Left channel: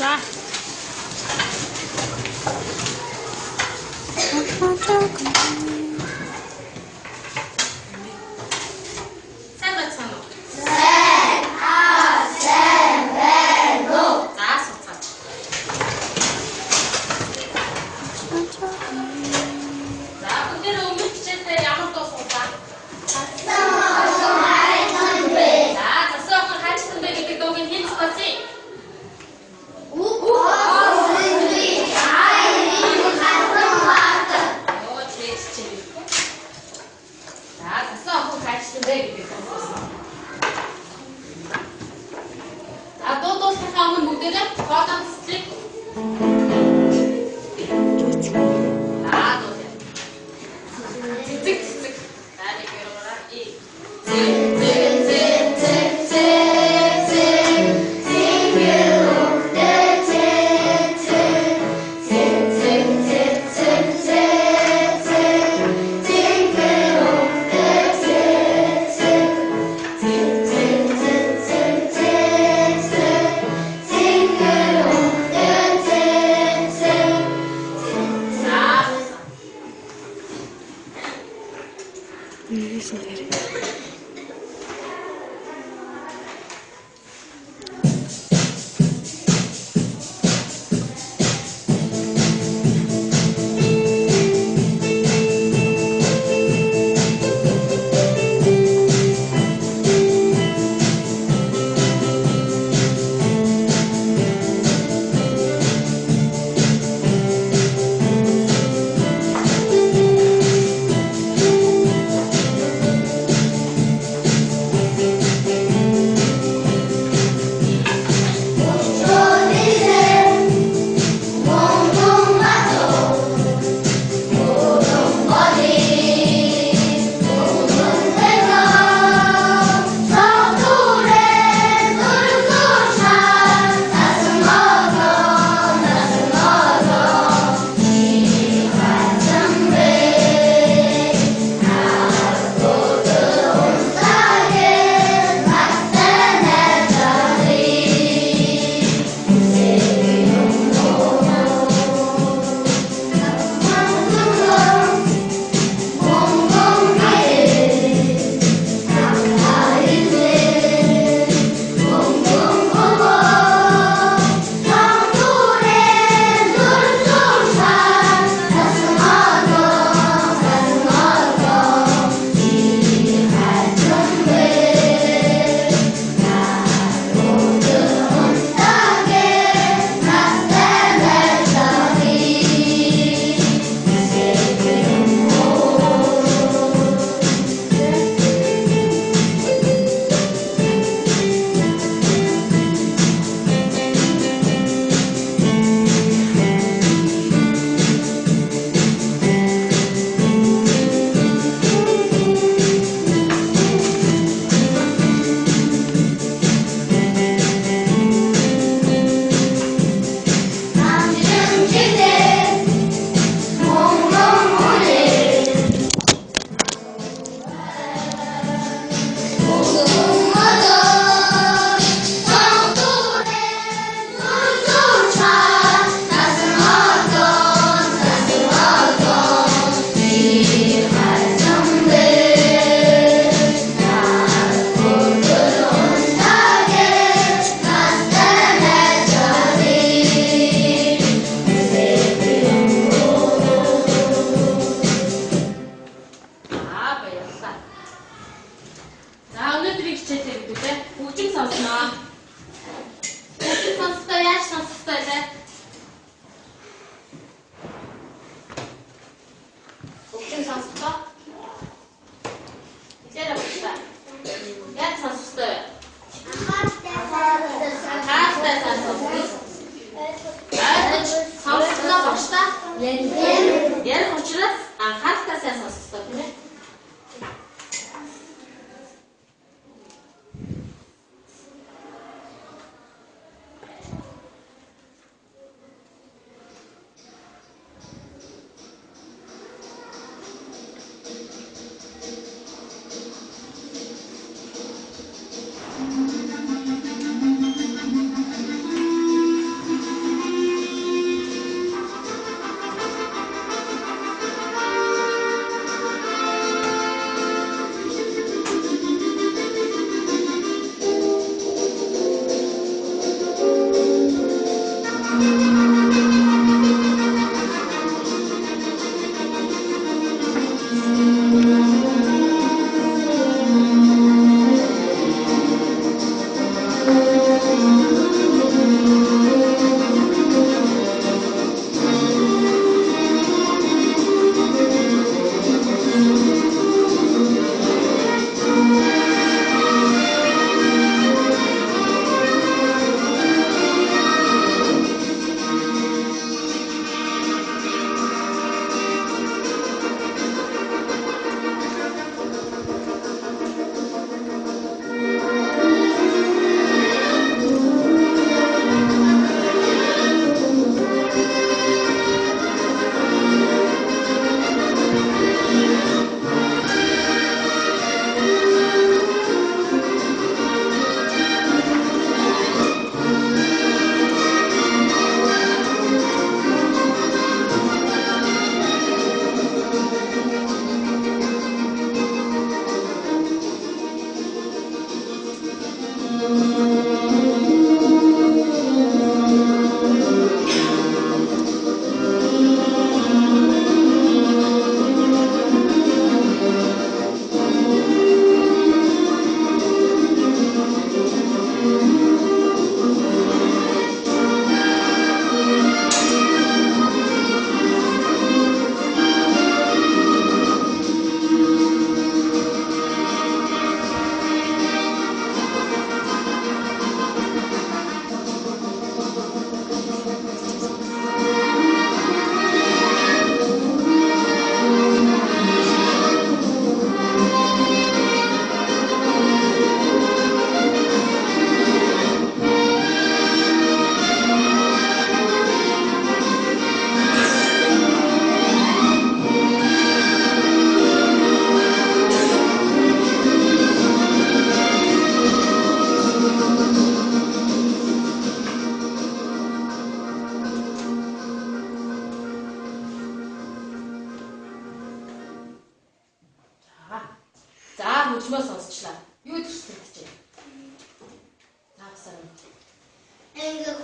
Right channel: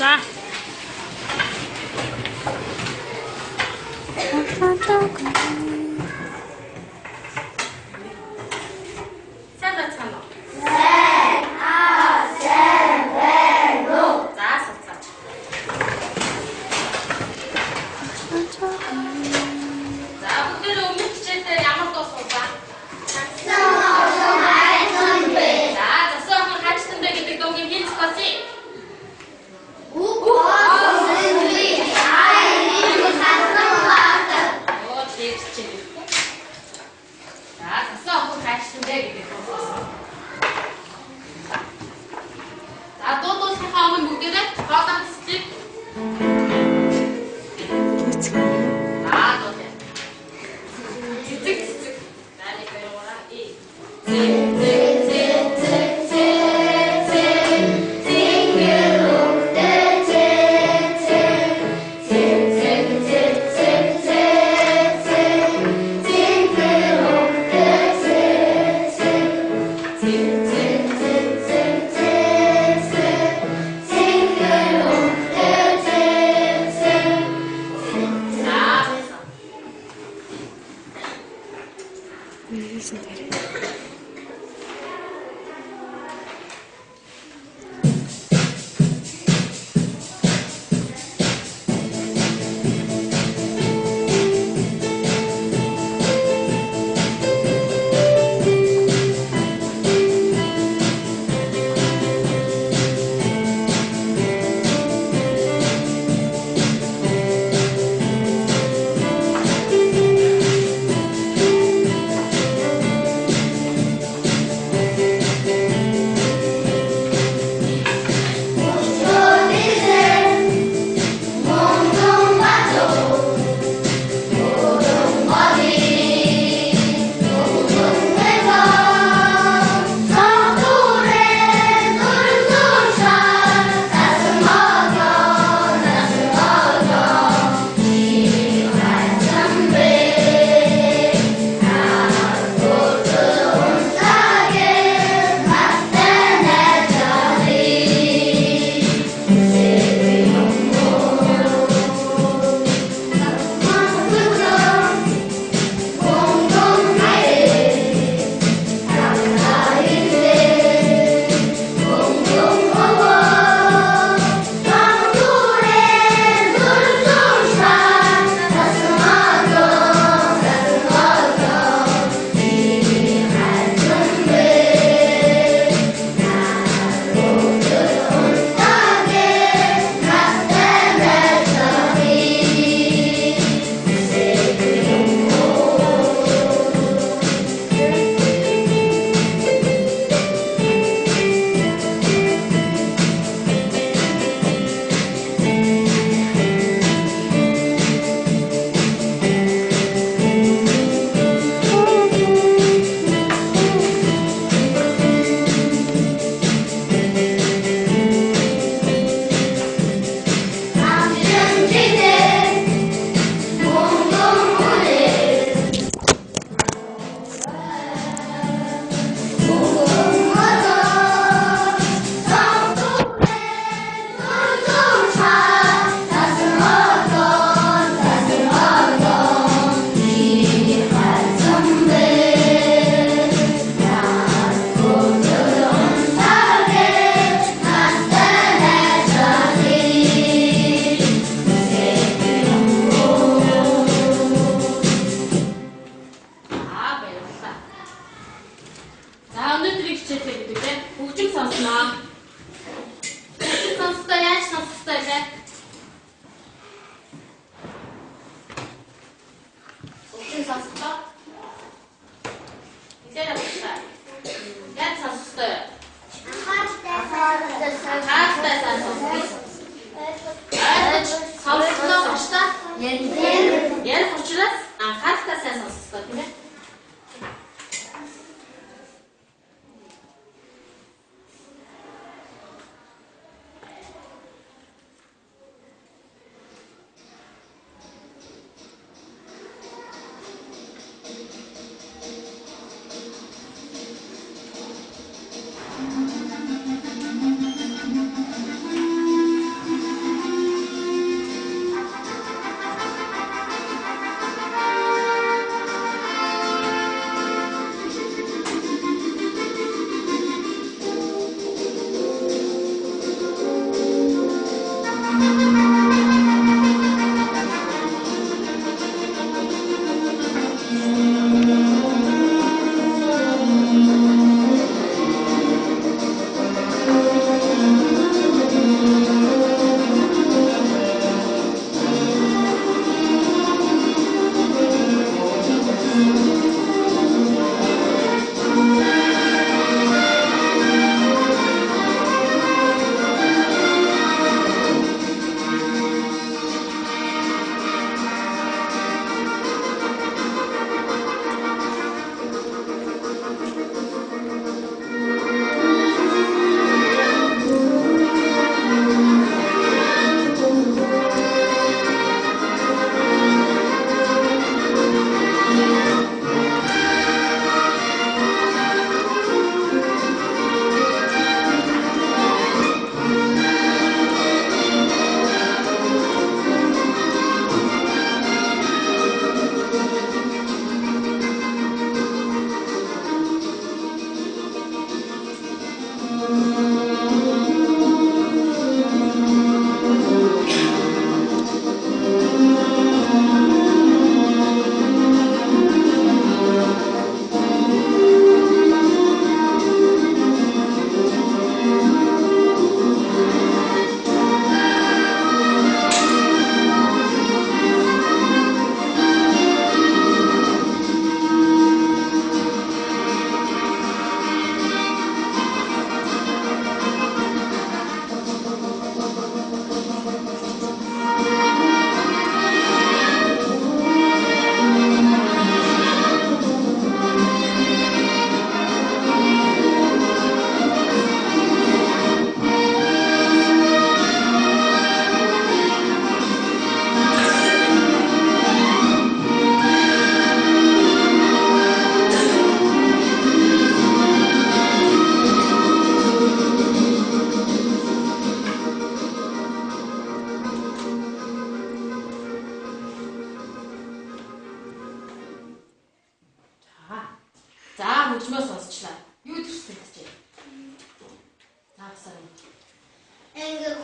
За.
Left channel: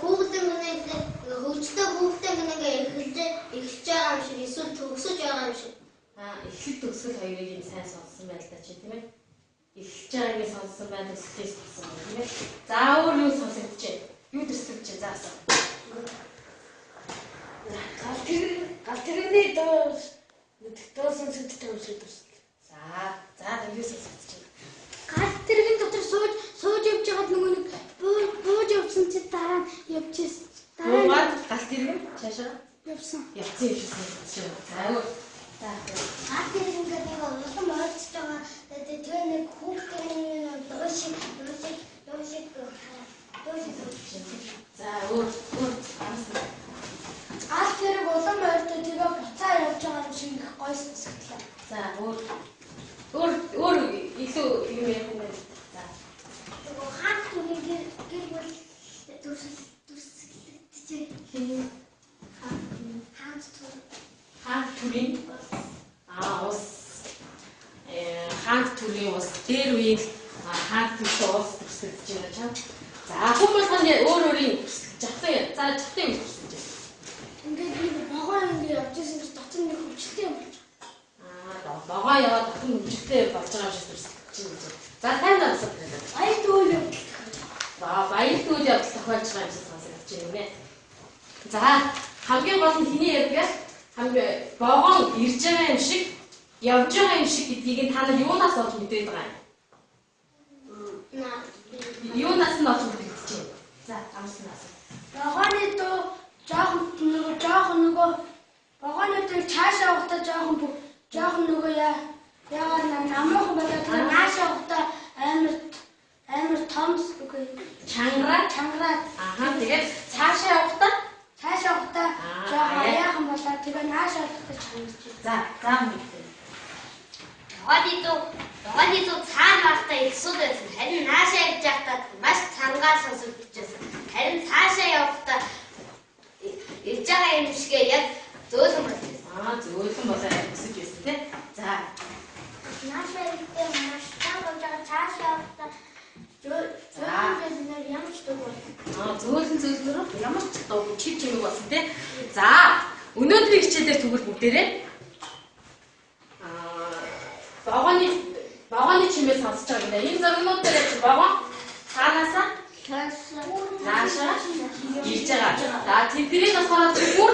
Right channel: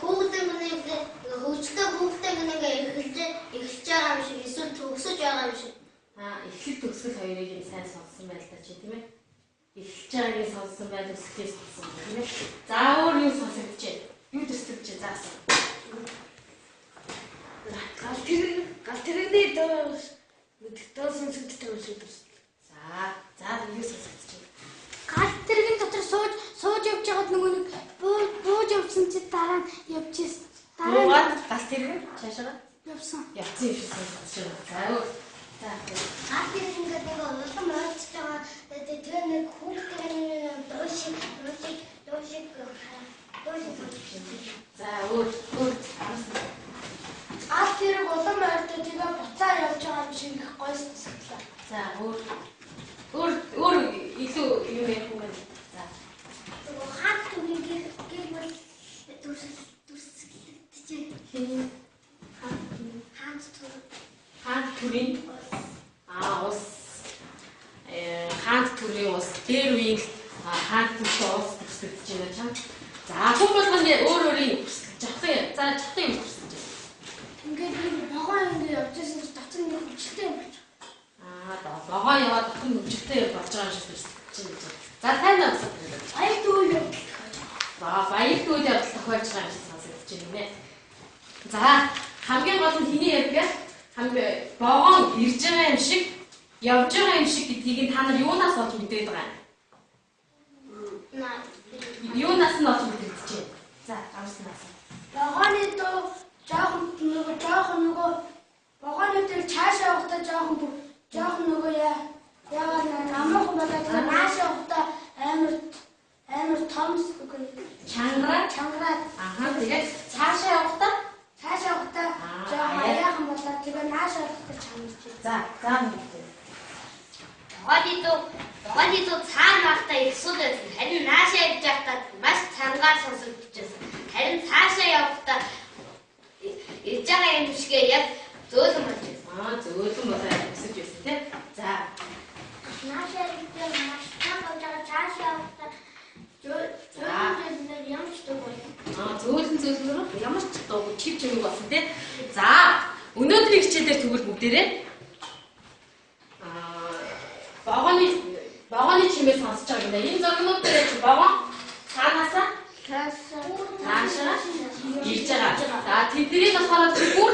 хүүхдэн ингээ хөгжлөө хүүхдэн ингээ эхэлж байгаа юм шиг эсвэл төгсөж байгаа юм шиг. Эхлэл төгсгөл хоёрыг сайн сонссон байл та чи тийм ээ. Эхэлж байгааг сонссон байл төгсгөөс болсон тийм ээ. За өөр юу сонсогдчихэ? Юу төсөлж заасан? Галтерны дөө сонсогддог юм шиг төсөл. За юу сонсогдчихэ? Галтергийн дотор сууж явж байгаад нөгөө нэг бууж явсан чи дараа нь явчихсан. Дараа нь галтергийн цаашаа явсан. Явцсан юм шиг сонсогдчихэ. За өөр Галтергийн ингээ нэг улам ойрч байгаа. Тэгээ нэг хүүхдийн дуушиг. За өөр Галтерэг улам ойртой тэгээ буцаа явж байгаа юм шиг гоё сонсогдлоо. За өөр илүү юм ярих юм. За. Хаан түрийн гэр бүл дүрсэлтэж. Хаан түрийн ус хаан түрийн ус дээр үйл хаан түрийн ус төсөлж байна чам. За хүмүүс хань өөрийн жахын жахын төсөлж байна. Ингээд би богоо ингээд явжсэн чи дотор нэг хөвчлээ болж. Богоо яваад бүхэн хөвчлээ болж байгаа юм шиг төсөлж байна. За тань авсан. Баяр дүүл явдал. Баяр дүүл явдал тохиолж байгаа юм шиг сонсогдож байна нэ. За хамгийн гол нь хэний ярьдаг? Хамгийн богоо ирж байгаа юм шиг явж байгаа юм шиг гэдгийг та нар юунаас олж мэдээд байгаа юм? Юунаас нь олж мэдээд чинь? За амснаас. Богооны дөө жоохон нөгөө богоонуудыг цаашаа явахдаа жоохон нөгөө яагаад намайхан болоод тэгээ наашаа явахдаа амар томс үгүй чангараад Тэгээд цаашаа явахдаа жоохон аяахан болоод тэгээ наашаа явахдаа чангарч. За мэдээ. Богоны дуу цаана байхдаа их сул байсан. Харин наашаа явж байхдаа маш цангаар сонсогдож байсан. Харин цаашаа явахдаа ирж байгаа юм шигээ яг зөөлөн болж байсан. Зөөлөн болоод өсөж байсан тийм. За. Наашаа явахдаа маш цангаар болж байгаа цаашаа явахдаа зөөлөн ямар ч дуу байна. Зөөлөн ямар ч дуу чив чиг болсон тийм. За өнөөдрийн хичээлээр тэгвэл бүгдээрээ богооны чимээ сонсож байгаа юм. Энэ зургууд дээр чи богоо цаанаасаа цаашаа ирж байгаа. За тэднийг болохоор бүр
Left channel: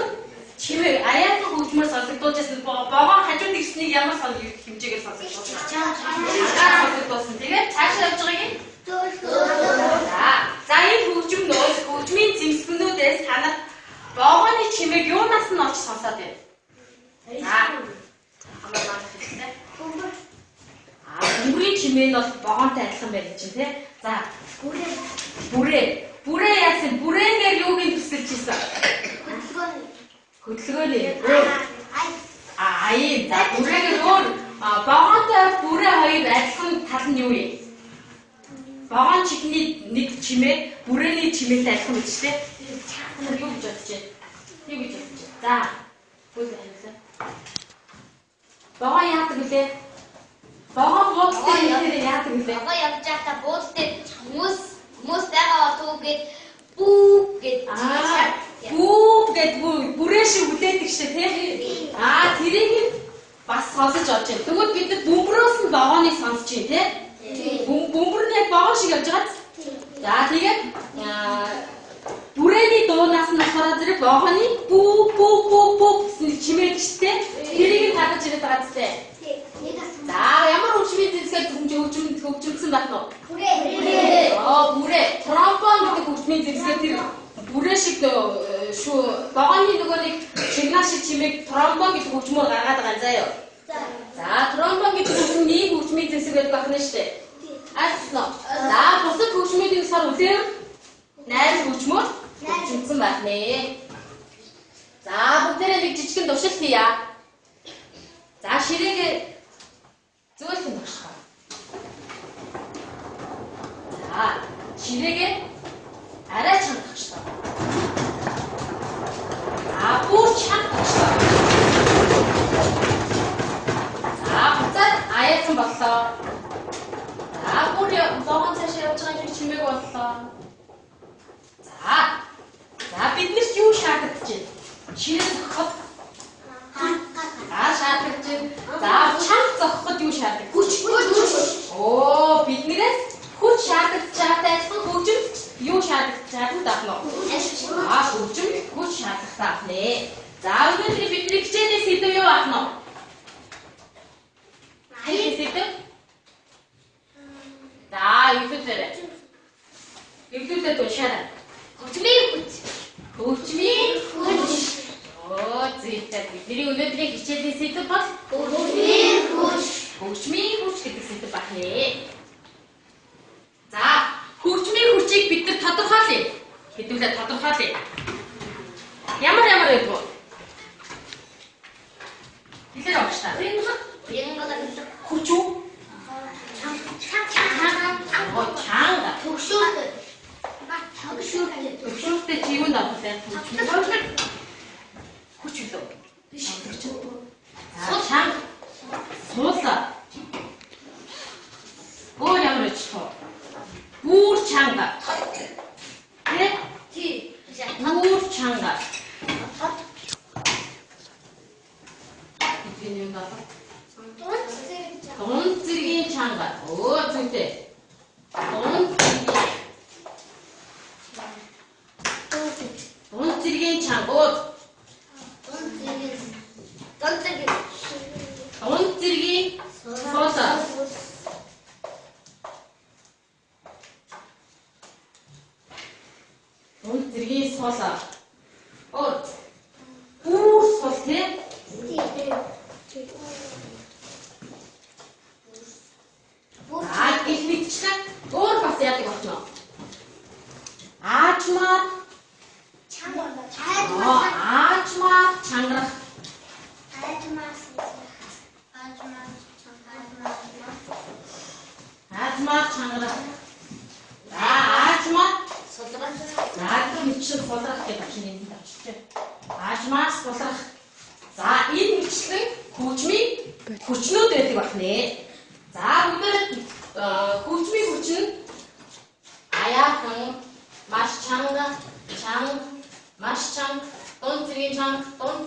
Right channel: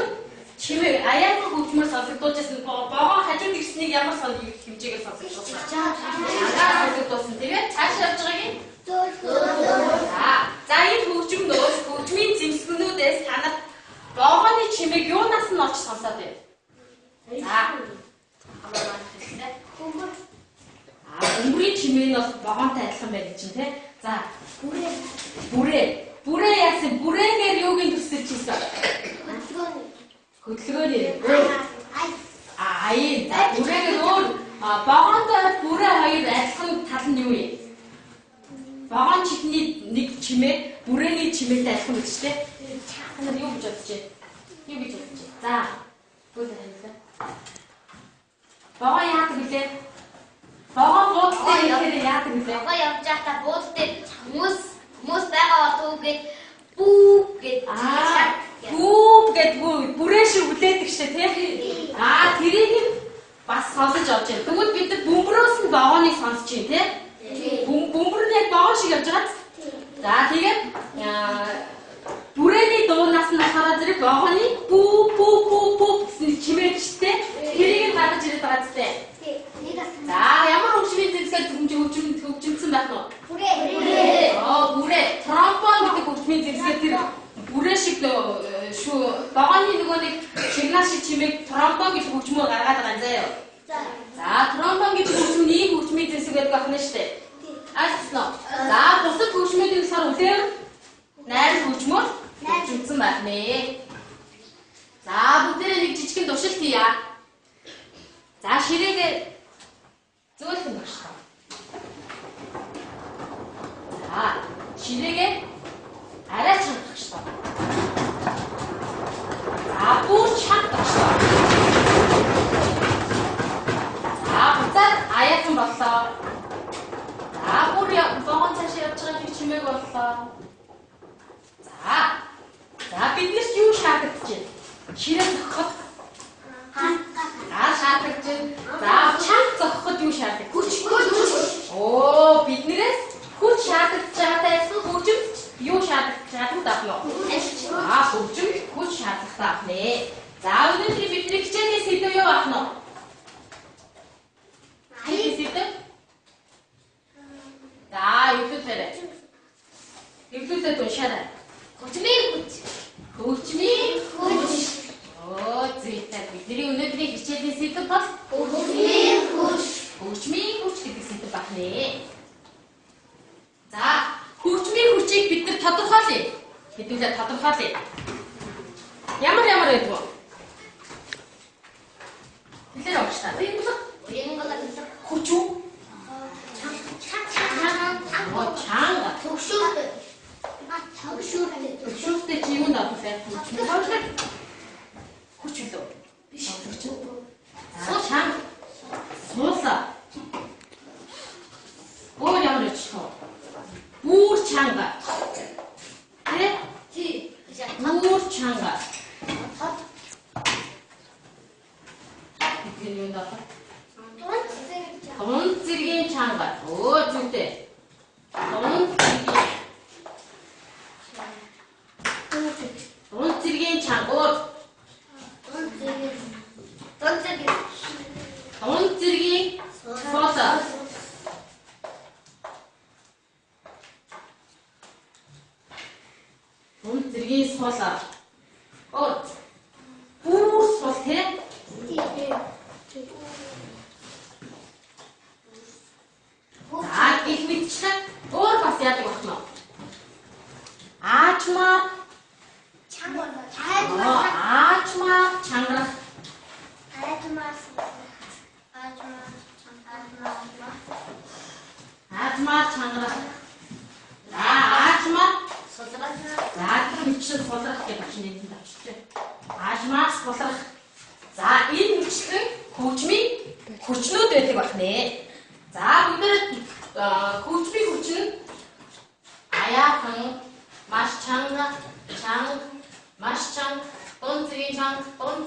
чимээ аяахан хөгжмөр сонсогдуулжсэн богоо хажууд ирснийг ямар хэмжээгээр сонсогдуулсан. Сонсогдуулсан. Тэгээд цаашаа явж байгаа юм. За энэ хөгжмийн зэмсгэнүүдээс та нар богооны чимээг юунаас нь олж сонсоод байна? За хамаагаар хэлээ. Бөмбөрийн чимээ нь бол богоонтой адилхан байх чинь тий. За бүрээ яасан бүрээгээр юугийн төсөлж ийсэн? Хөдөлгөөний. За бүрээгээр өөр богоонтой бүрээ хоёр адилхан тал нь юу вэ? Богоон чихний нэг чимээ бүрээний чимээтэй адилхан гэж тий. Та нар юу гэж бодож байна? За бүгд хэлээ. Богоо яадаг вүлээ? Богоо буудалтай яадаг вүлээ? Богоо явж байхдаа буудалтай хүмүүс байгаа болов гээд бүүп гээд бүүп гээд бүрээ шиг үлээдэг шээ тий. Тэрийг бас сонсож авч байна. Тэгвэл бид бөмбөрөөс нь богооныг сонсож байна тий. Бөмбөр нь яг богоон шиг явж байгаа. За тэгээд бүрээний дуунаас нь хараад зэрэг богооны бүүп гэсэн чимээ гэжтэй. Тэрийг харж ирээд байгаа зү. За ямар хөгжмийн зэвсгээр хөгжмөсөн байх нь? Бүрээ. Тромбон гэдэг хөгжмийн зэвсгээр тэр бүрээ шиг шүү. Богооны нөгөө нэг чигнаа шиг чимээг тромбон гэдэг хөгжмөөр гаргаад байгаа заяа. За тромбон гэдэг хөгжмөнд ийм хөгжмийн зэвсгээр байх нь шүү дээ. Альцно. За бусад хөгжмөдийн болохоор үлэм найр хөгжмөөр хөгжмөсөн байх нэ. За бүгдээрээ нэг жижигэн туршилт хийя. За ширээгээ зөөлөн багш. За ширээгээ арай чанга багш. Бүр чанга багш. За буцаад аяахан боллоо. За бүр богоон цааш явж байгаа чимээг боллоо. За Ширээ зохиход шаардлагач. За чанга зохиход юу шаарддаг? Хүч. Оо биднээс хүч шаардлагач таасан хөгжимд юу шаардлагатай давно? Хөгжимд хүч шаардлагатай авнэ. За өнөөдөр бидний хичээлийн сэдв юу авах нь? Сэдв. За эвлүүлээд уншаарай. Хөгжмийн хүч. Оо зүйтэй бидний өнөөдрийн хичээлийн сэдв бол Хөгжмийн хүч. Хөгжмийн хүч гэдэг сэдв байна. За хөгжмийн хүчийг бид нар тодорхойлъё. Хэдүүлээ тодорхойлъё. Ямар гэдэг вэ? Хэлээр авах та. Чанга. Хүч үү? Чанга. Төгшөлтэй чи юу надад хүч үү? Чанга. Суулаа. Өөр ямар ч тоо. Гүүр чанга. Гүүр чанга. Дун зэргийн чанга. Оо зүйтэй. Дун зэргийн чанга. Дун зэргийн суулаа. Дун зэргийн суулаа. Оо. Гүүр суул те. Илбитчлээ өөр бас яадаг болно. Аачмаар чангарах. Аачмаар чангарах. Аачмаар сулрах. Яадаг мэтчил сулрах гэж байна энэ тавчтай. Аачмаар сулрах. За энэ мэтчлэн хөгжмийн хүчнүүд байдаг байна. За бүгд хөгжмийн хүч нь аяахан, маш чанга, маш чанга, дун зэргийн аяа, дун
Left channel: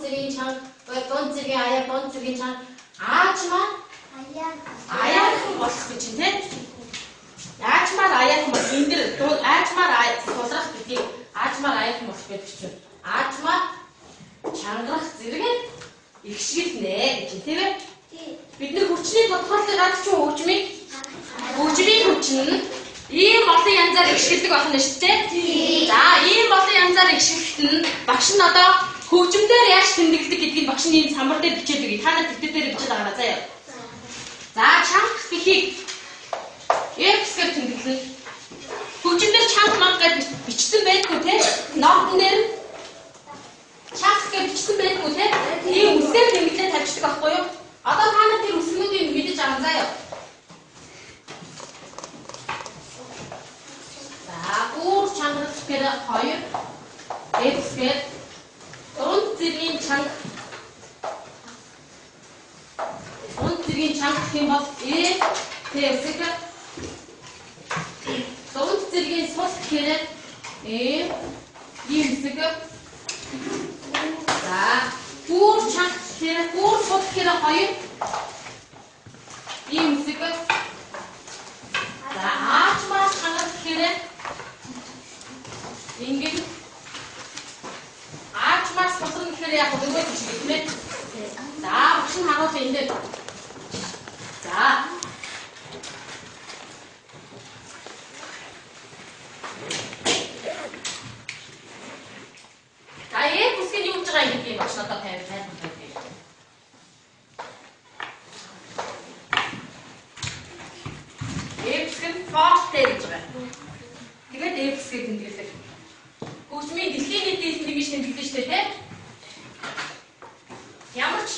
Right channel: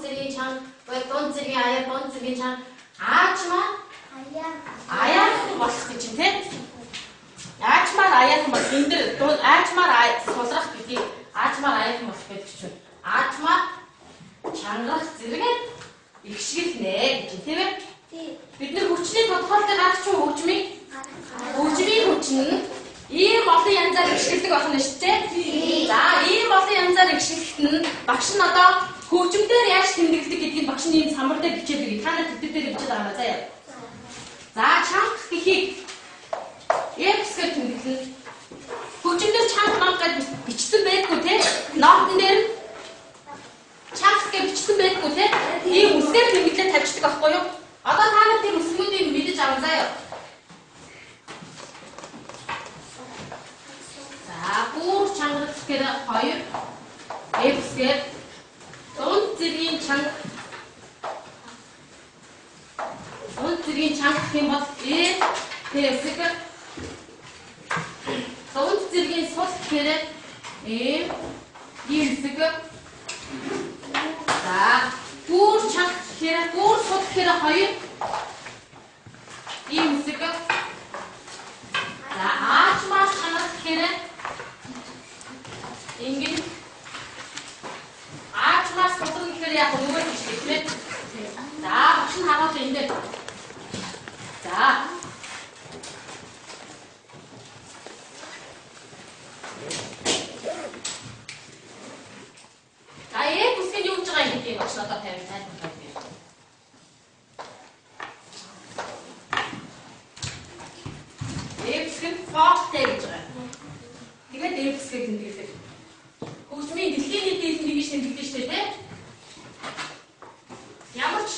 зэргийн чанга, аачмаар аяахан болох гэж юм те. Аачмаар аяахан бол энэ дэр аачмаар сулрах гэдгийг аачмаар аяахан болох гэж чинь. Аачмаар чангарах зэрэг ихшгэлнэ гэж тийм ээ. Бид нар хүчний тодорхойлолтыг гаргаж хөгжмийн хүч нь ийм олон янзаар ихшгэлдэг болно шүү дээ. За ийм олон янзаар ихшгэлт нь багш нь одоо хөгжмөөр яаж тэмдэглэдэг гэдгийг багш нь энэ самбар дээр бичээд өгье. Та нар тэтгэл дээр бичээд байгаа заяа. За чанга гэхийг X-гээр тэмдэглэн хөгжмөөр чанга гэж бичсэн байдгүй те. Ноотн дээр чанга гэж бичсэн байдгүй те. Ийм үсгээр тэмдэглээ тавьчихдаг байхгүй юу? Одоо та нар тэр үсгүүдийг мэдэж аван заяа. За гүүр чангарах гэхээр 2 X-гээр дун зэргийн чанга гэх юм бол T-г дун зэргийн сул гэхээр Y-г за гүүр чанга гэхээр гүүр сул гэхээр 2 Y-г за аачмаар чангарах гэхээр ингэж аачмаар сулрах гэхээр яг өнгөө гэж тийм ээ. За багш нь харуулж энэ дээр. За бүсгийн юу гэж байгаа юм бэ? Багш надад тайлбарлая. Эпсгэн форте гэж байна. Тэгээд эпсгэн тэмдэглэдэг. Хөгжмийн дэлхийн нийтийн тэмдэглэж тэмдэглэж штэ тий. Ямар ч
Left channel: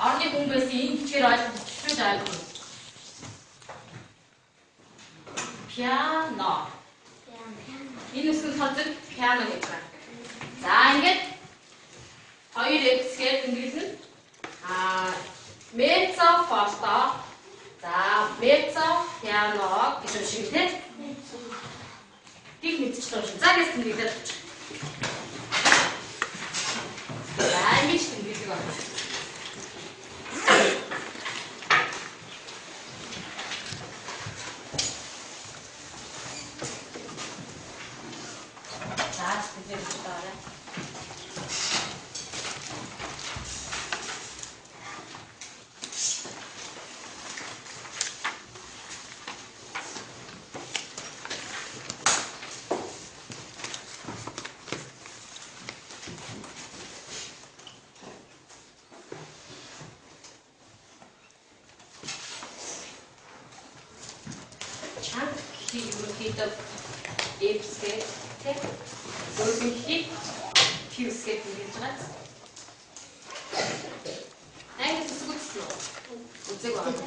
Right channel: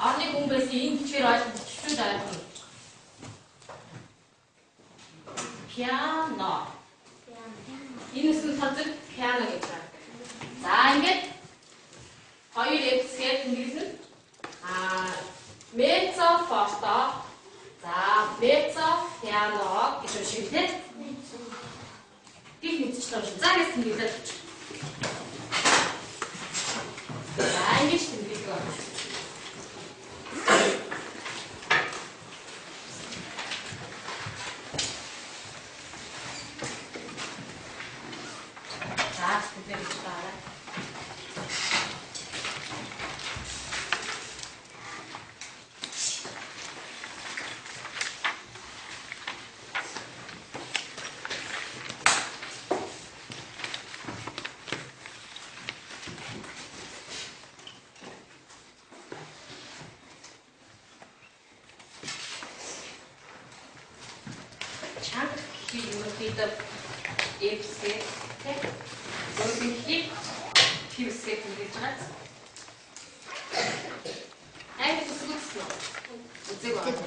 орны хүн байсан энэ бичгээр ойлгож байгаа юм. Piano. Энэ үсгэн тооцог piano гэж байна. За ингээд 2x-гээр тэмдэглэн mezzo forte. За mezzo piano гэж юм шиг тий. Гих мэдчихлээ шүү. За гэж тэмдэглээд. За ерөнхийдөө эвсгээ тэг зөөлөн хip фьюсгээ хийж байгаа. Айгуу зүгтсэн үү? Үзэг байна.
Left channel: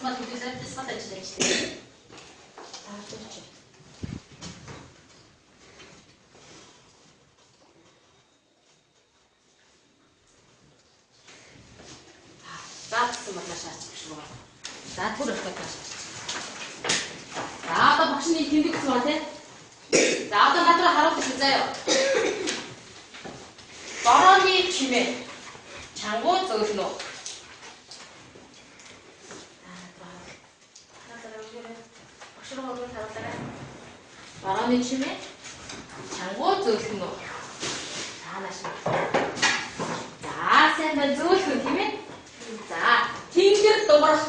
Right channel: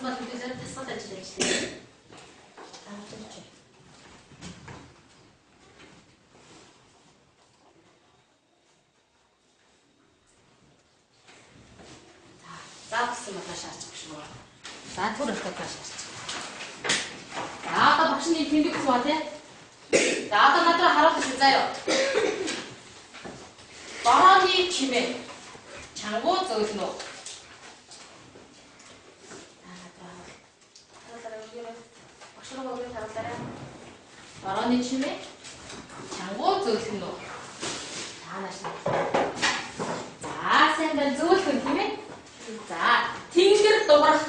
Мал хүлээсээр тасгал ажиллаж байна. За гэсэн манай шаарч гэж байна. За түр өрхөд байна. За одоо багшны тэмдэг гэсэн ба тий. За одоо надраа харуулж байна заяа. Борооны чимээ. Чангуу зөөлнө. Борооны чимээ. Чангуу зөөлнө. Таанаш. За сайн байна зөөлхөн тийм ээ. За тэнгэр дуурах.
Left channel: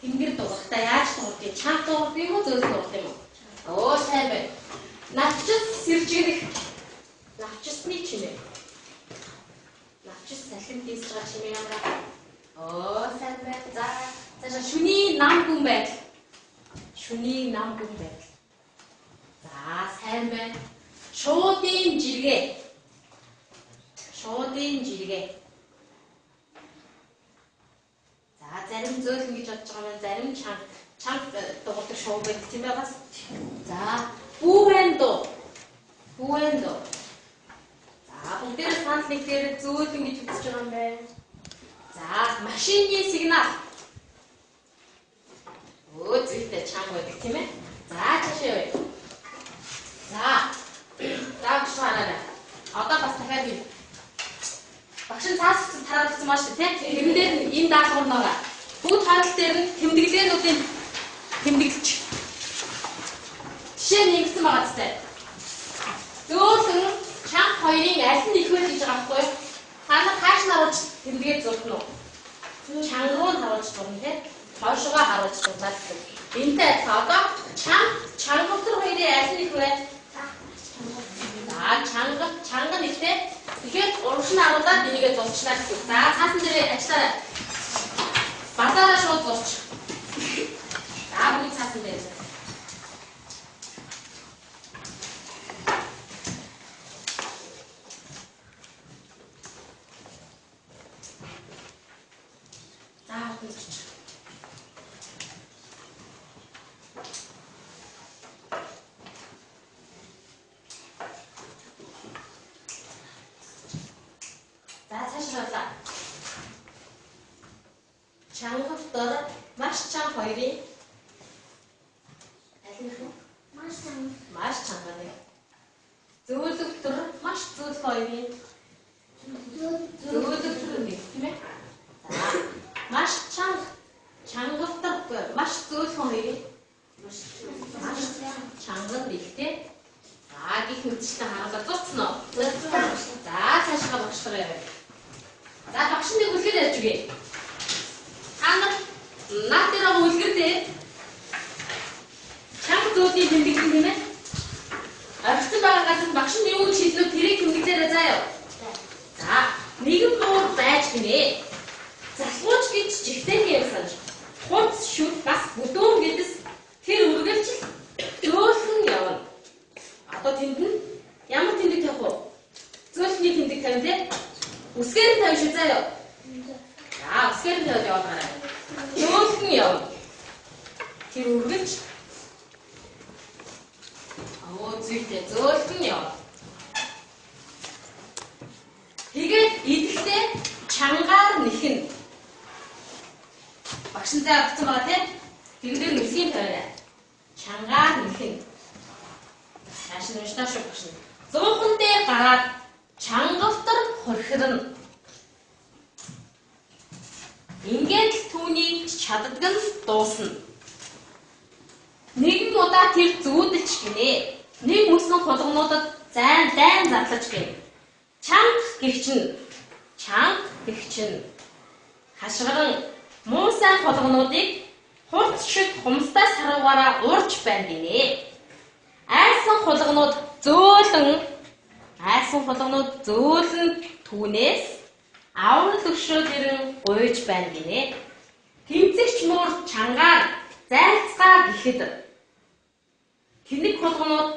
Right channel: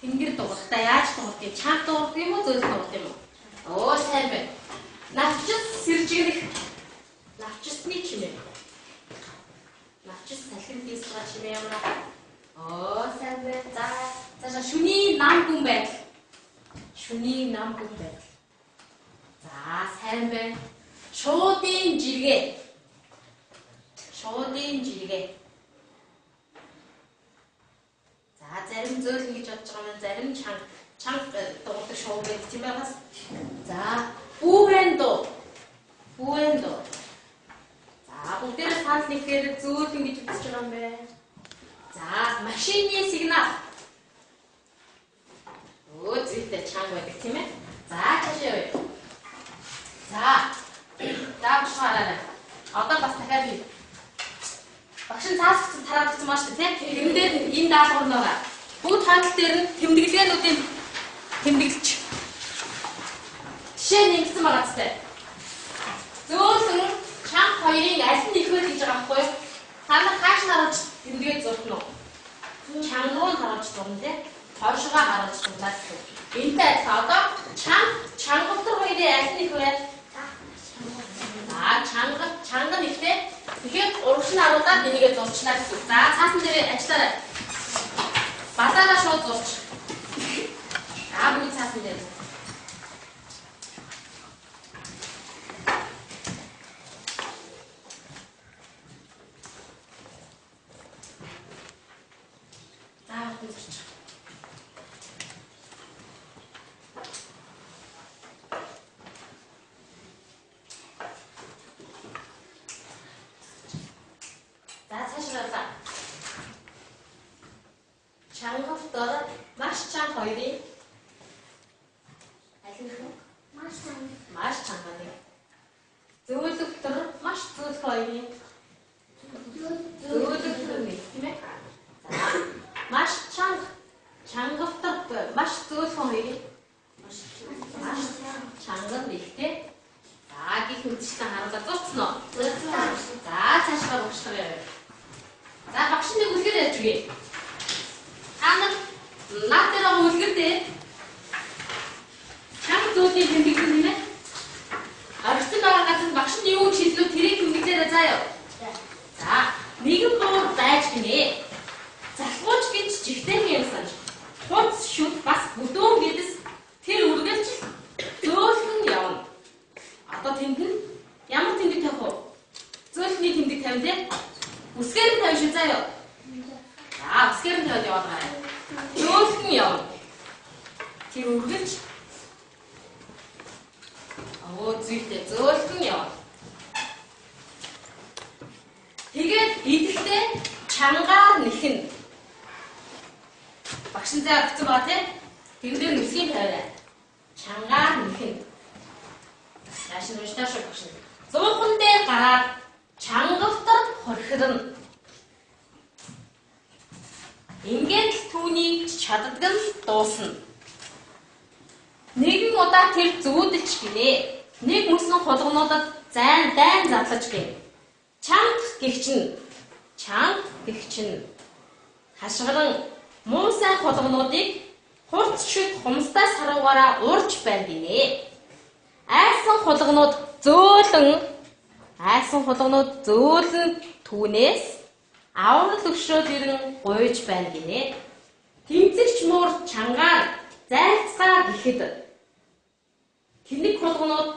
Тэнгэр дуурахтаа яаж дуурах чанга дуурах юм уу зөөлх дуурах юм уу? Оо сайн байна. Навчис сэржигдэх. Навчисны чимээ. Навчис салхин дийсгэж чимээ юм аа. Оо сайн байна. За шүний нам гүн байдал. Шүний нам гүн байдал. За сайн байна. Шуудын жиргээ. Шуудын жиргээ. За зарим зөөлөн гэж бодож байгаа маань зарим чанга дуурдаг шоу байдаг тийм байгаас. За бүүрэндо. Бүүрэндо. За бүгдээрээ санал нэгдээр зөөлөн гэж үзэж байгаа юм байна. За машины сигнал. Оо зүйтэй чанга байдаг тийм ээ. За цаашаа явъя. За давчмаараа. Одоо бас дахиад бий. Багш нь цааш тараагдсан маш тийм. Тэрэн дээр энэ даалгавар нөгаа. Бүгд хандлт дээр нь тэмдэглээнүүдийн тэмдэглэж. Жишээ нэгсэн байгаа зү. Зөөлөн чанга хоёрын аль нь ихвэ гэж байгаа байхгүй юу? Та нар хааш нь харуулж тэмдэглэж зурхна уу? Чанга руу харуулж зурна тийм. Хойшоо харуулж зурнаа. Энтэй адилхан одоо чанга дотор хоёрын аль нь ихвэ? Чанга нэгтэй. Тэгэхээр урагш нь харуулаад энийгээ зурчлаа гэсэн. За цаасан дээр ажиллаарай. Базаараа шууд зурч. За бүгд цаасан дээр. За бүгд зурч. Чангавтор маш чанга хоёрын аль нь вэ? Маш чанга нэг. Зөөлөвтөр маш зөөлх хоёрын зөөлөвтөр нэг тийм ээ. Маш чангавтор маш зөөлх хоёрын маш чанга нэгтэй. За гих үдшилтэй харуулаад зурцсан уу? За цаашгаа багшлаа яваа. За багш нэг үлгэр ярьж өгье. зүйлийн тэмдэглэн тийм ээ. Орчин байгаа газар багш нь юу шийдлөө тэрийг тэмдэглээрэй заа юу. За, нэгэн буур байж гинэ. Залхууч гэж жигтэй юмсан. Хунц шүд бас бүдүүн гэдэс тэр үргэлж зөөлхөн явна. Одоо тэнд нь ямар тэмдэг тавих вэ? Зөөлхний тэмдэг тавина те. Үсгээр нь тавих шүү заа юу. За, үсгээр нь тавих явна. Зөөлхөн явна. Тэр үргэлж зүйтэй зөөлхөн явна. Тэгээд идэхдээ чангаар нэхэн. Багшин заа авсан ба тийм. Тэгдэр нүсгийн тавиа. Чангаар нэхэн. Яашин уншдаа шүү багшин. 100хан дээр гараад чангалтар хорхирно. Ингээд л түүний чаддаг нь дуусна. Нэгэн удаа тэр зүүдэлч гинэ. Нэг мөсөн хулгунуудад дайн задлаж гин. Чанга гихчин хашгиран муу сайн хулгунуудыг хурц шиг хумстаас харуугаараа урж байна гинэ. Айсан хулгунууд зөөлөн түүнээс аврал төвшөөд ирэн гуйж байна гинэ. Тэмцэгч муур чангаар зайлцгаа гэхэд тэнэг хулгунууд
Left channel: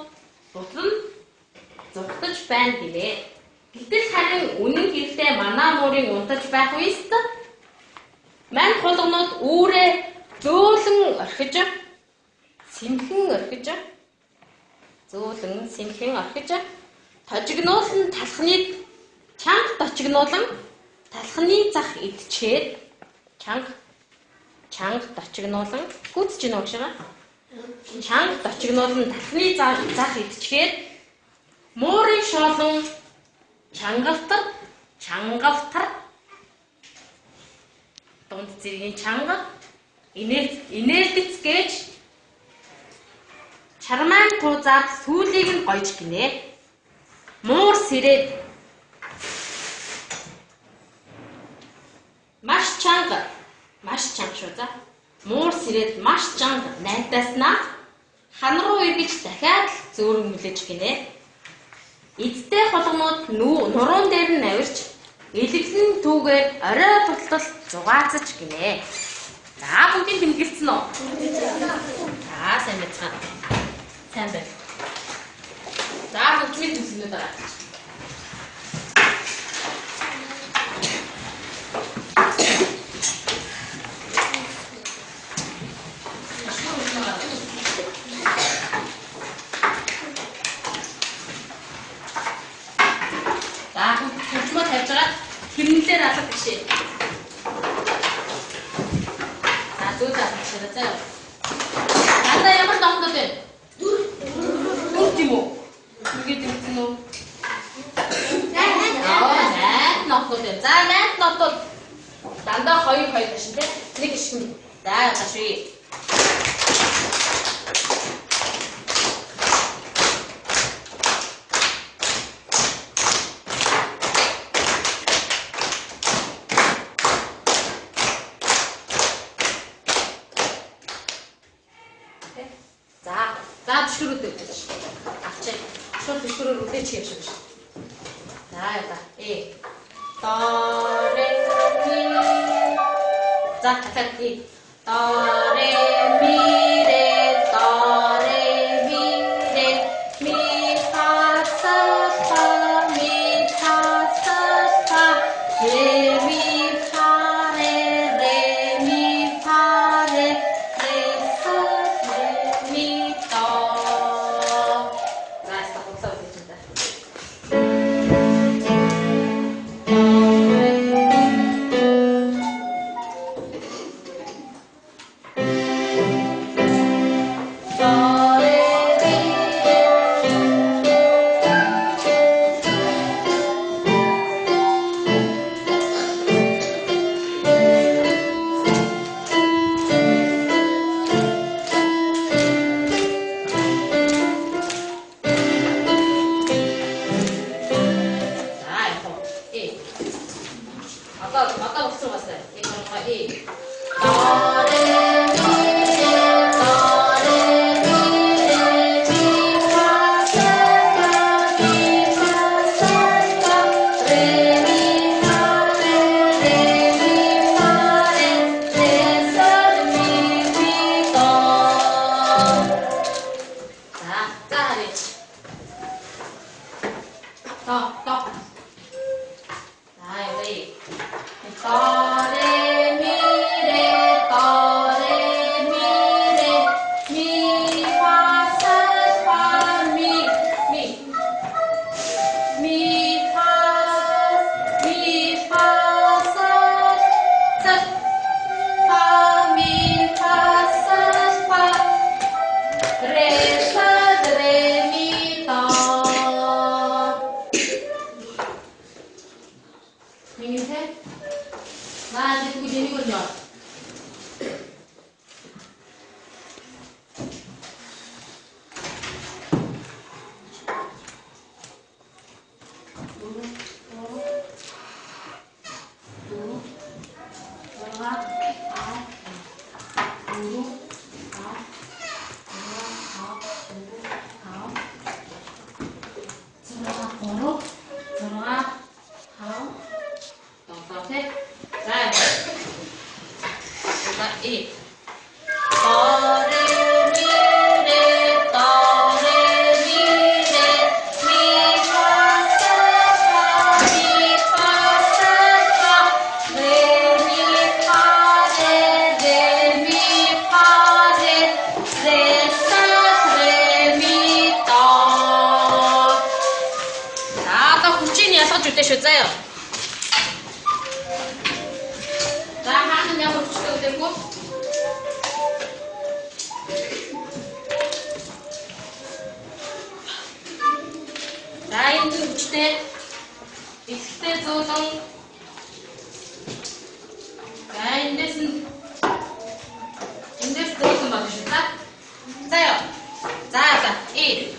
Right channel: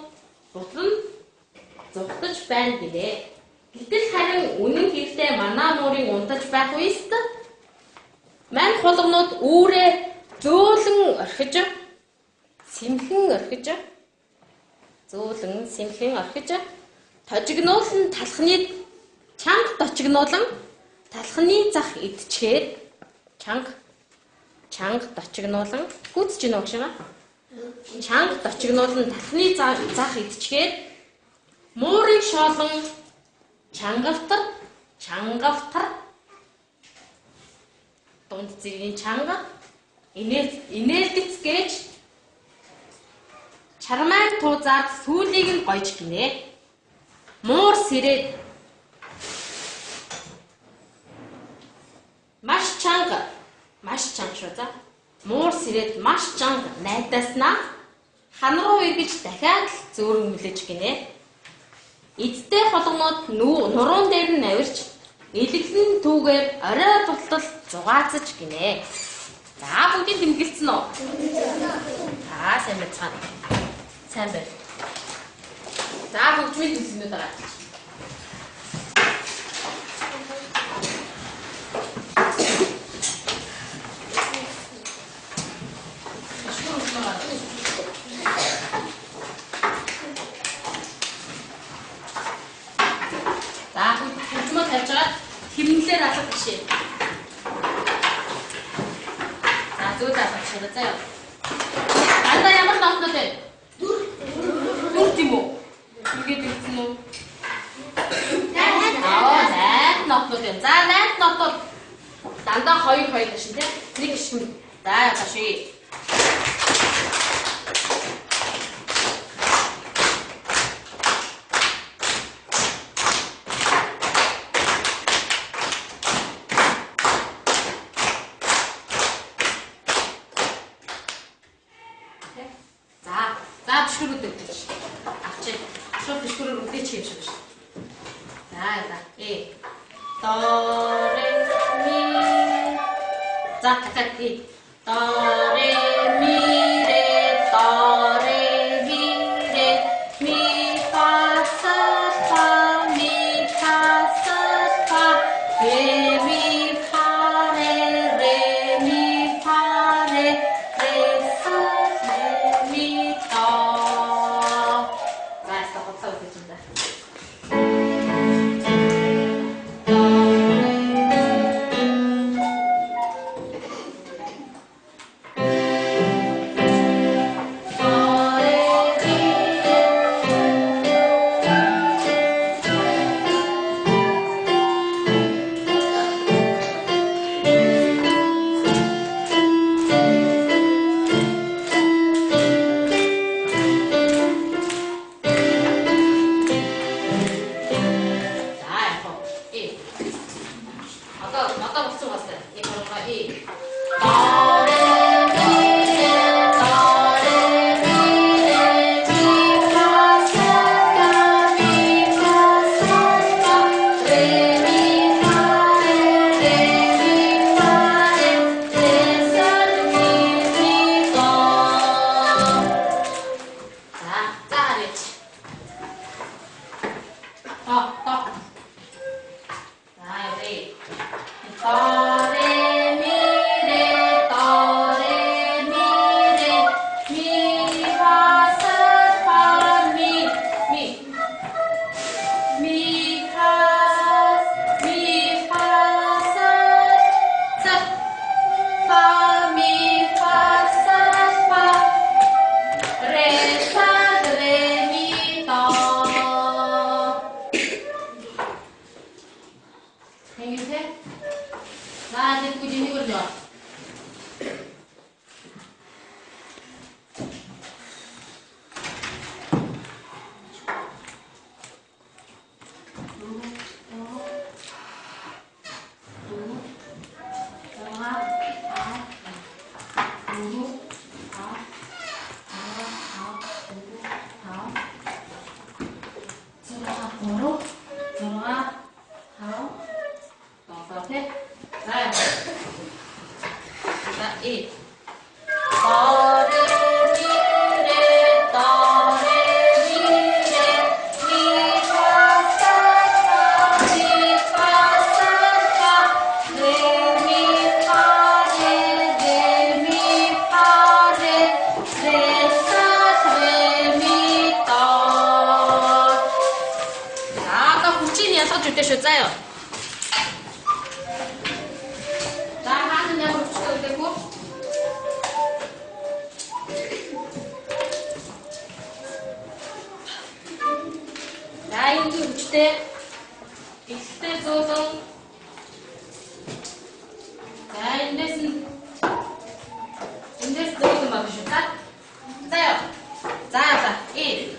бутлан зугтаж байна гинэ. Гэтэл харин үнэн гэртээ манаа муурын унтаж байх үест мань хулгунууд үүрээ зөөлөн орхиж сэмхэн орхиж тожигнуулан талхны чанга дочигнуулан талхны зах идчихэд чанга дочигнуулан гүцэж гинэ гэж байна. Чанга дочигнуулан талхны зах идчихэд муурын шоолон чангавтар дунд зэргийн чанга инээлдэц гэж чармаан туузаад сүүлийг нь гойж гинэ. Муур сэрээд маш чанга шүү за. Муур сэрээд маш чанга найдаснаа хан руу эргэж дахиад зөөрмөлж гинэ. Эцтэй хулгунууд нуруунд дээр нь авирч элэглэн түүгээр орой болтол зугаацж гинэ. За бүгдийг тэмдэглэсэн үү? Сайн байна. Сайн байна. За бүгдийг тэмдэглэнэ дараа. Хэмнэлээр алга бишээ. Зөөлөө авчихлаа. Анда ямар номдод вэ? Дүр тийм үү? Үгээд ирсэн үү? Найт номдод юм. За найт номдод дандаа 2 машин тий. Нэг шин. За гашгүй. шүү заяа. За хаана яг өчтөө үдэргүй. За энэ өчтөө ихтэй зөөлөн. За эндээс зөөлөн баг шүү та. Заяа. За и.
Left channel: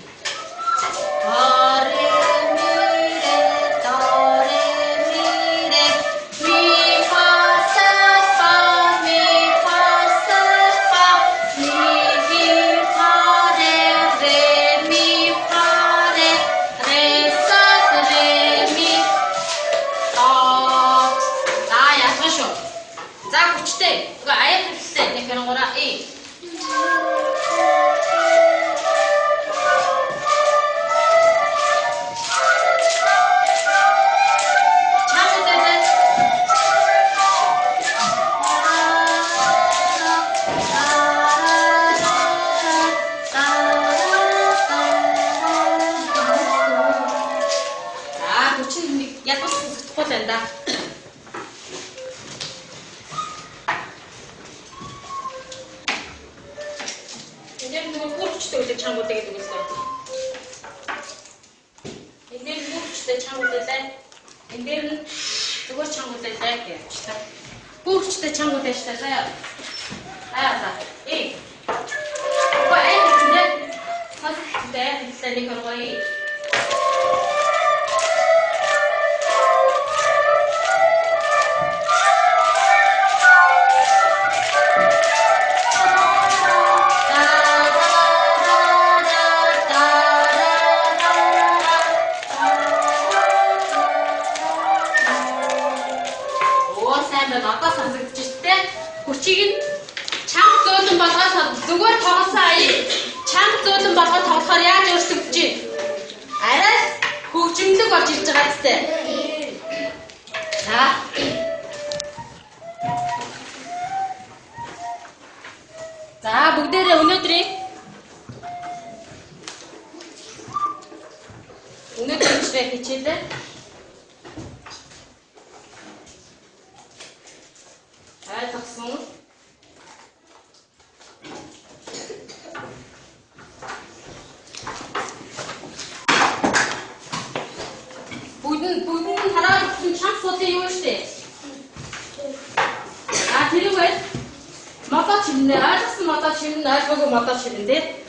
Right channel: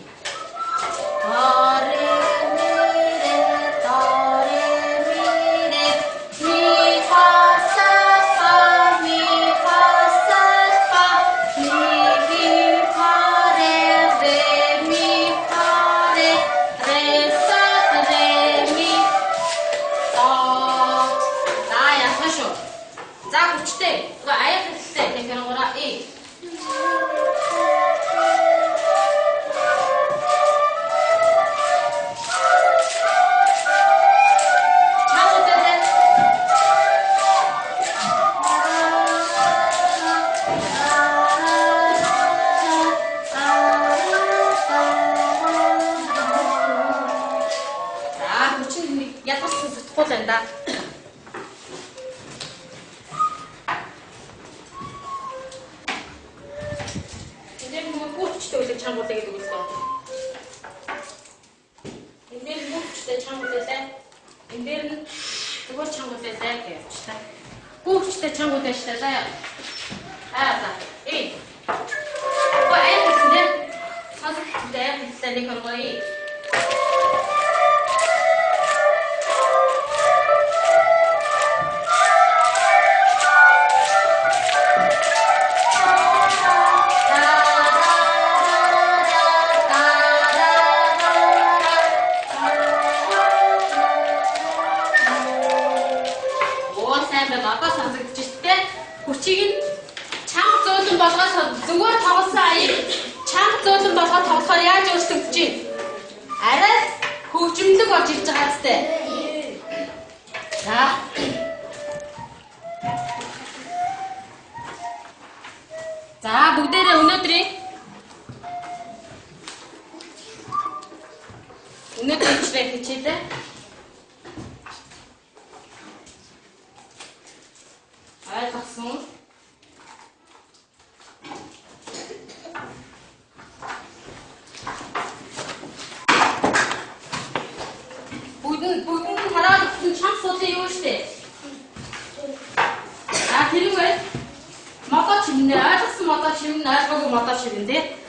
된다. 이제 뭐 꼬치도 이제 잘못되게 두고 있어요. 이제는 꼬치도 잘못될 때, 이제는 이거 잘못될 때 할게요. 꼬치도 잘못될 때 써요. 알았어. 이. 이거 아예 같은데? 근데 비슷하니 그거 이. 아까 선생 붙였을 때 고치긴 창 쏘든 박아서 누구 더웠어요. 창 쏘든 박아 덮어야 저렇게 붙지. 알았어? 고침도 거칠 줄 알았을 때. 자. 자, 무대에 오늘들이 집에 붙일 때 taksun. Bugün haram çam sote yok işte. Kiri ve mata çimler, mata çimler, çok mata çiminde.